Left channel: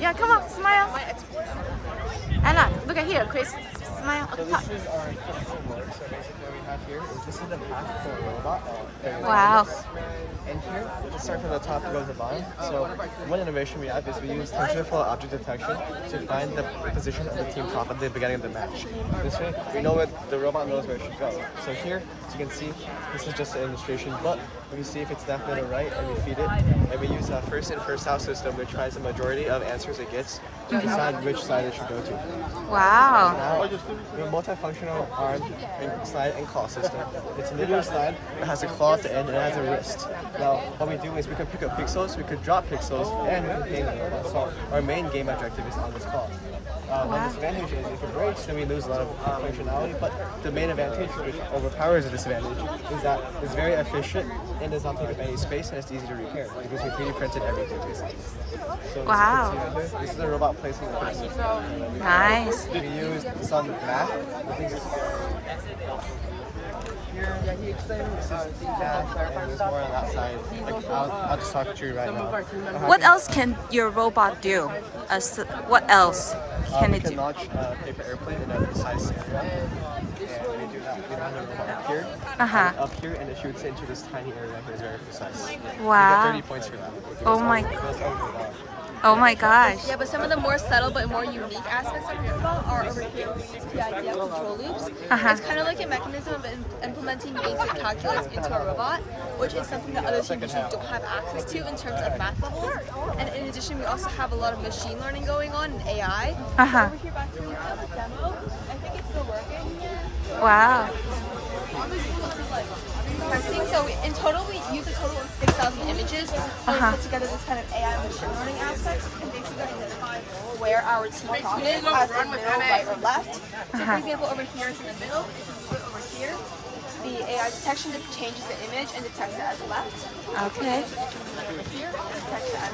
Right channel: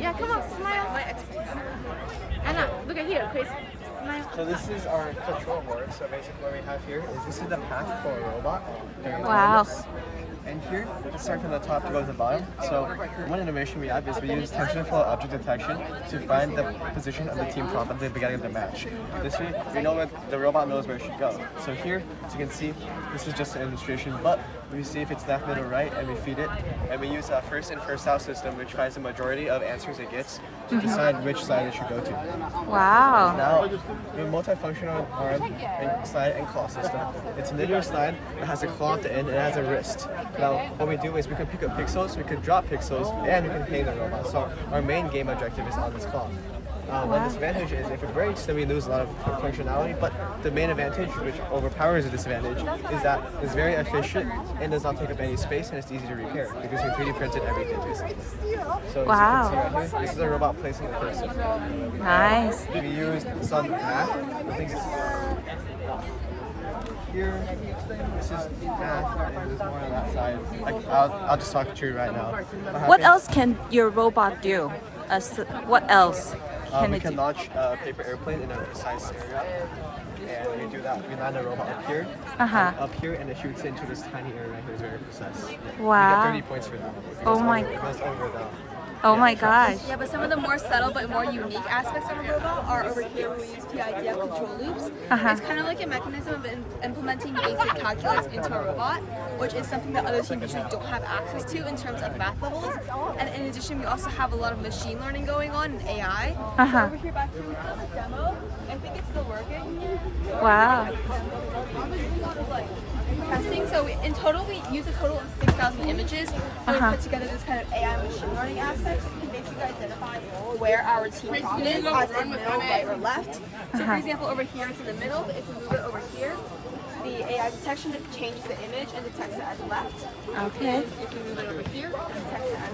Yeah, come on, smile. Anna, look at here, Chris. Smile. So this is our control board. So basically what we have here is this is the path for a robot. Wow. And here, let's start from the top to go to the bottom. So one innovation we have is we use TensorFlow object detection to find the position of the team prop at the beginning of the match. This way, we know where the robot knows where it should go. So here, as you can see, this is just an illustration, but we see if it's left, middle, right, and we feed it. And we use a first in, first out system, which finds the majority of answers it gets to decide which side it should go to. Wow. Now, we have a multifunctional arm and slide and claw system. It's a linear slide that has a claw at the end and it has a wrist. Now, what we do is we can pick up pixels, we could drop pixels, and we can play the robot. So our main game objective is on this claw. One disadvantage is if it breaks, then we lose a lot of functionality, but the main advantage, which overpowers the disadvantage, is that it's very efficient and does not take up any space and it's easy to repair because we 3D printed everything basically. So Wow. as you can see right here, this is a robot placing the person. Nice. We used some math. I think it's here. This is math, and there's more on that side. I'll just talk to you right now. What else can your robot do? What else can we it can do? launch a paper airplane in a precise area, and we do that. We land the robot up here, and up here, and it shoots into this tiny area right here. Is very precise. Wow. You get 30 points for that. Oh my It goes over the Oh my gosh. Yeah, but some of the more subtle but more unique aspects of a robot are over here where we use PIDF control loops. It's kind of like a mechanism of implementing basic calculus into a robot, which is something that other teams usually don't have access to in terms of math levels. And in addition, we also have a lot of machine learning going on in AI. So over here back here we have a demo. I think it's still working. Wow. Testing. So in total, we use a total of 6,000 images. We put together this kind of AI machine learning aspect, so we can basically identify where our team prop is, as in middle, right, or left. So for example, over here it's in the middle, but if we move it over here, the AI detection changes the image and detects it as left. Okay. And if we move it over here, it detects it as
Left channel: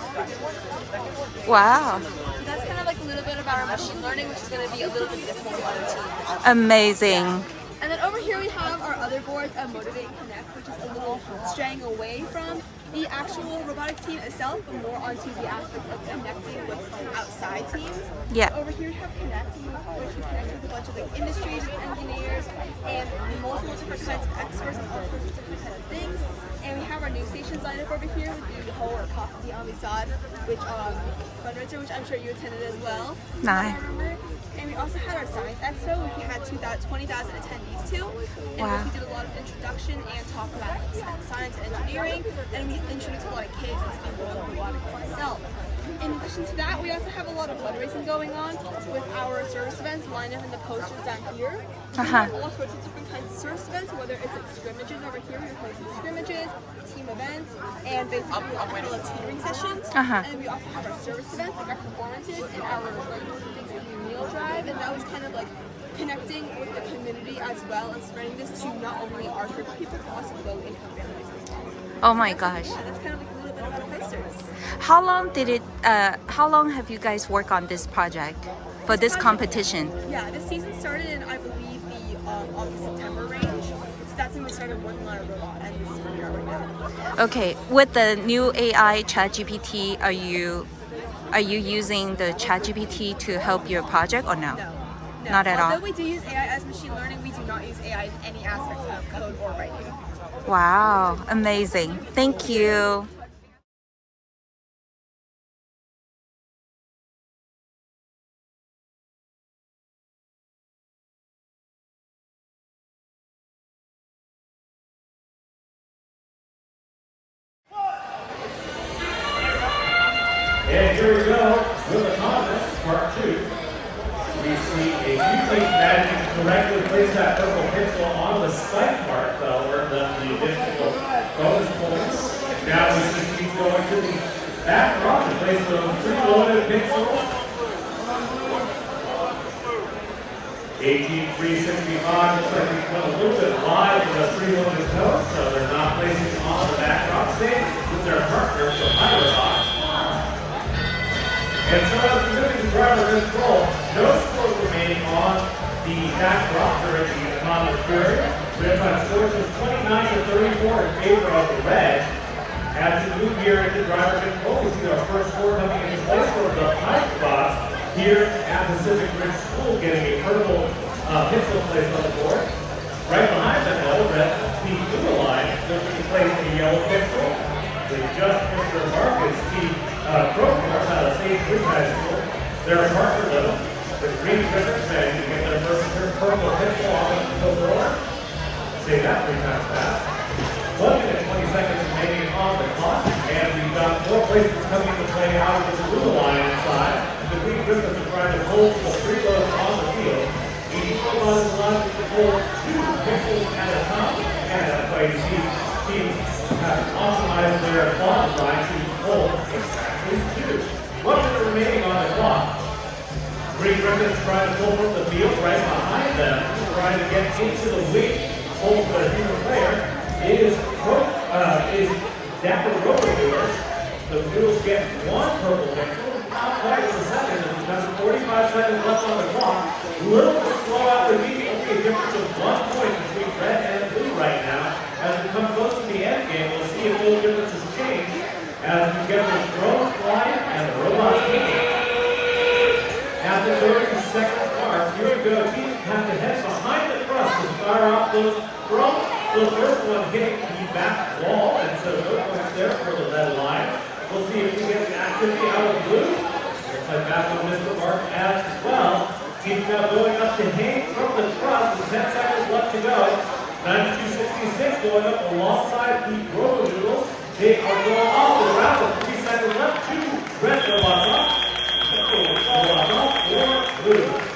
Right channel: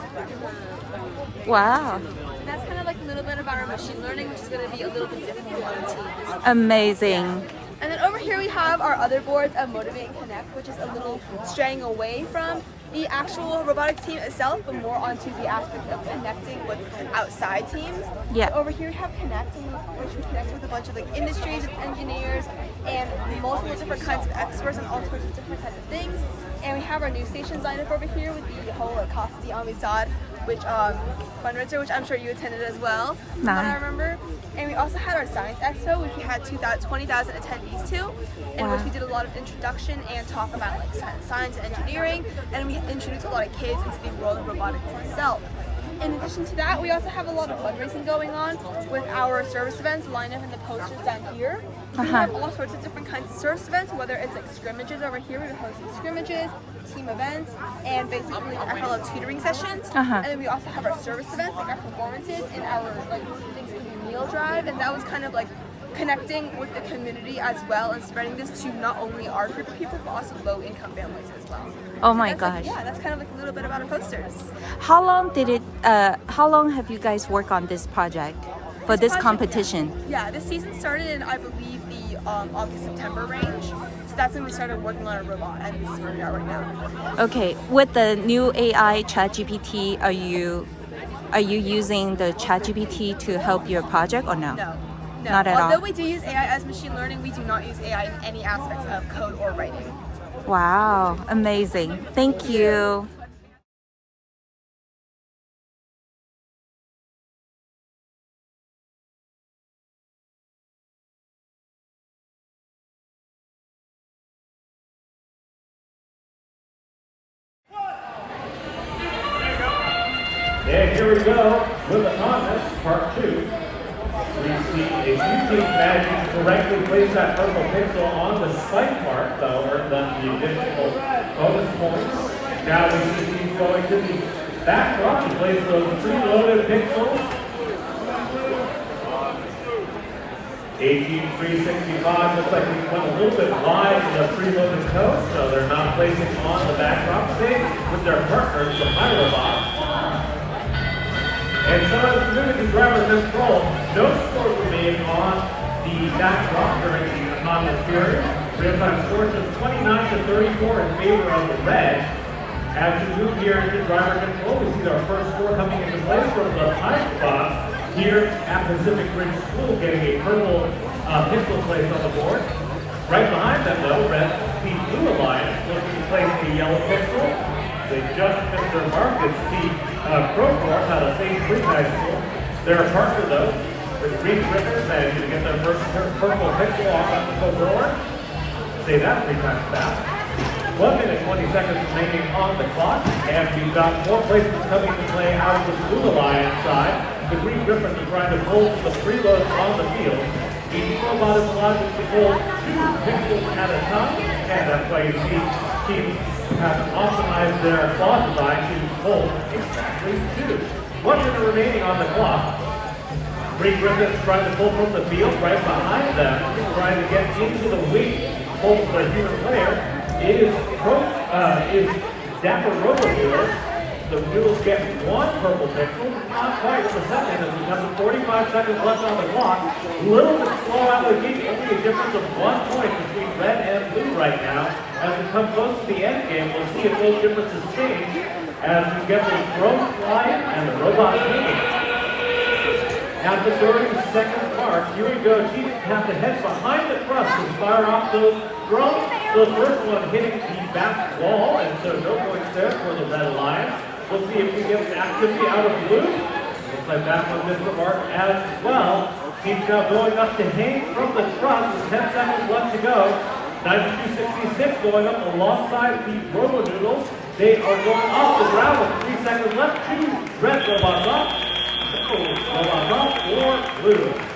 right. Wow. So that's kind of like a little bit about our machine learning, which is going to be a little bit different from other teams. Amazing. And then over here we have our other boards of Motivate and Connect, which is a little straying away from the actual robotics team itself, but more onto the aspect of connecting with outside teams. Yeah. So over here we have Connect, in which we connect with a bunch of like industries and engineers and multiple different kinds of experts on all sorts of different kinds of things. And we have our new stations lined up over here with the whole like Casa de Amistad, which fundraiser, which I'm sure you attended as well. Nice. I remember. And we also had our Science Expo, which we had 20,000 attendees to, in which we did a lot of introduction and talk about like science and engineering, and we introduced a lot of kids into the world of robotics itself. In addition to that, we also have a lot of fundraising going on with our service events lined up in the posters down here. We have all sorts of different kinds of service events, whether it's like scrimmages over here, we're hosting scrimmages, team events, and basically like our fellow tutoring sessions. And then we also have our service events, like our performances and our like Thanksgiving meal drive, and that was kind of like connecting with the community as well and spreading this to not only our group of people, but also low-income families as well. Oh my That's gosh. yeah, that's kind of like a little bit about our posters. How long have you guys worked on this project for this competition? Yeah, this season started in, I believe, the August-September range. So that's when we started working on our robot, and this is where we are right now. Okay, with the new AI ChatGPT, are you using the ChatGPT to help your project or no? No. Not at all. Although we do use AI as machine learning, we do not use AI in any aspects of code or writing. Wow, amazing. Thank you. And here we go with the contest, part 2. We see a few teams managing to correctly place that purple pixel on the spike part, though, earn them the additional bonus points. Now we see teams going to the back drop to place the preloaded pixels. 18365 looks like we've come a little bit wide with the preloaded code, so they're not placing on the back drop stage with their partners, the Pyrobot. And so as we move into driver control, no score remaining on the back drop during the final period. We have got scores of 29 to 34 in favor of the red. As you move here into driver control, we see our first score coming into place for the high spots here at Pacific Ridge School, getting a purple pixel placed on the board. Right behind them, though, the Blue Alliance looking to place a yellow pixel. They just missed their mark. It's the Crowcross out of St. Louis High School. Their partner, though, is Green Griffin, managing to get their first purple pixel off the board. Say that 3 times fast. 1 minute, 20 seconds remaining on the clock, and we've got more placements coming to play out of the Blue Alliance side. The Green Griffins are trying to hold the freeload on the field. The robot is allowed to hold 2 pixels at a time, and that's why you see teams have optimized their claw design to hold exactly 2. 1 minute remaining on the clock. Green Griffins trying to pull from the field right behind them, trying to get into the wing. Hold the human player is Dapper Rover. The Blues get 1 purple pixel, not quite the second, and because 45 seconds left on the clock. Little slow out the game, only a difference of 1 point between red and blue right now. As we come close to the end game, we'll see if those differences change as we get the drone flying and the robot kicking. At the 30-second mark, here we go. Teams have to head behind the crust to fire off those drones. The first one hitting the back wall, and so no points there for the Red Lions. We'll see if we get the activity out of blue. Looks like back on this mark as well. Teams now going up to hang from the crust with 10 seconds left to go. 92-66 going up alongside the Rover Noodles. They are going off the ground with 3 seconds left. 2 red robots up. Robots off for blue.